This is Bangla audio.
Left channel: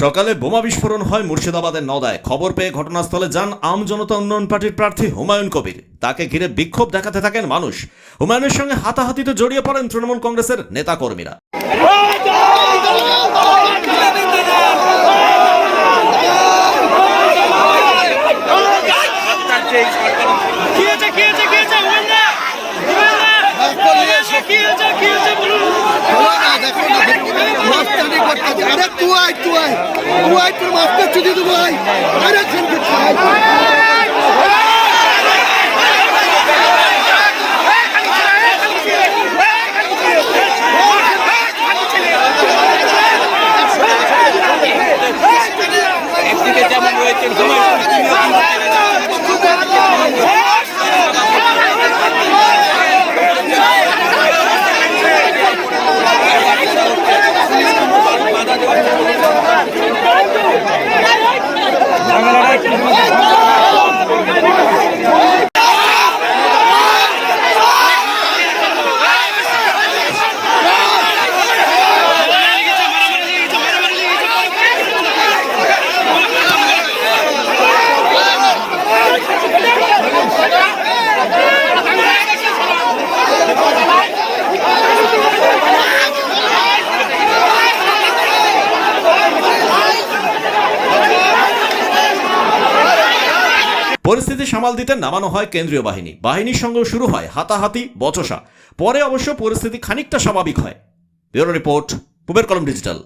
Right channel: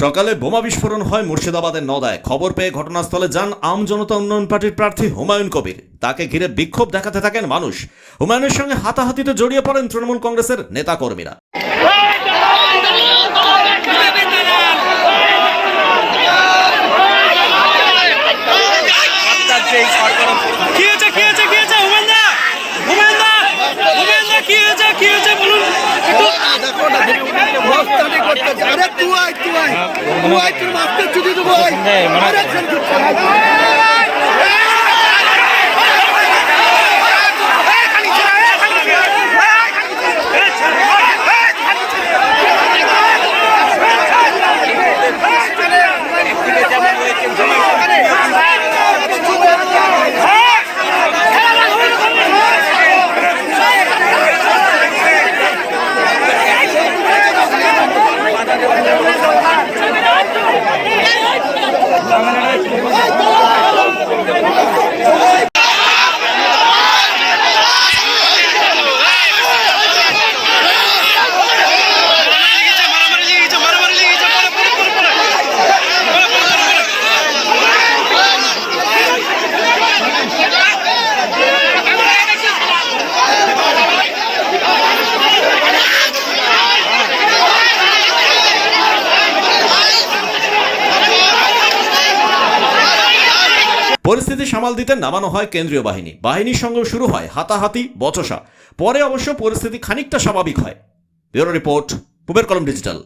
সকালে বোমা বিস্ফোরণ হয় মুর্শিদাবাদের নওদায়। খবর পেয়ে ঘটনাস্থলে যান আম জনতা উন্নয়ন পার্টির প্রার্থী হুমায়ুন কবির। তাকে ঘিরে বিক্ষোভ দেখাতে থাকেন মানুষ। হুমায়ুনের সঙ্গে হাতাহাতিতে জড়িয়ে পড়েন তৃণমূল কংগ্রেসের নেতাকর্মীরা। দেখো না মাস্টারি করতেছে। আরে তুই আয় তোর মাস্টার চুদি দেবো। আরে পরিস্থিতি সামাল দিতে নামানো হয় কেন্দ্রীয় বাহিনীর সঙ্গেও শুরু হয় হাতাহাতি বচসা। পরে অবশ্য পরিস্থিতি খানিকটা স্বাভাবিক হয়। ব্যুরো রিপোর্ট, পুবের কলম ডিজিটাল।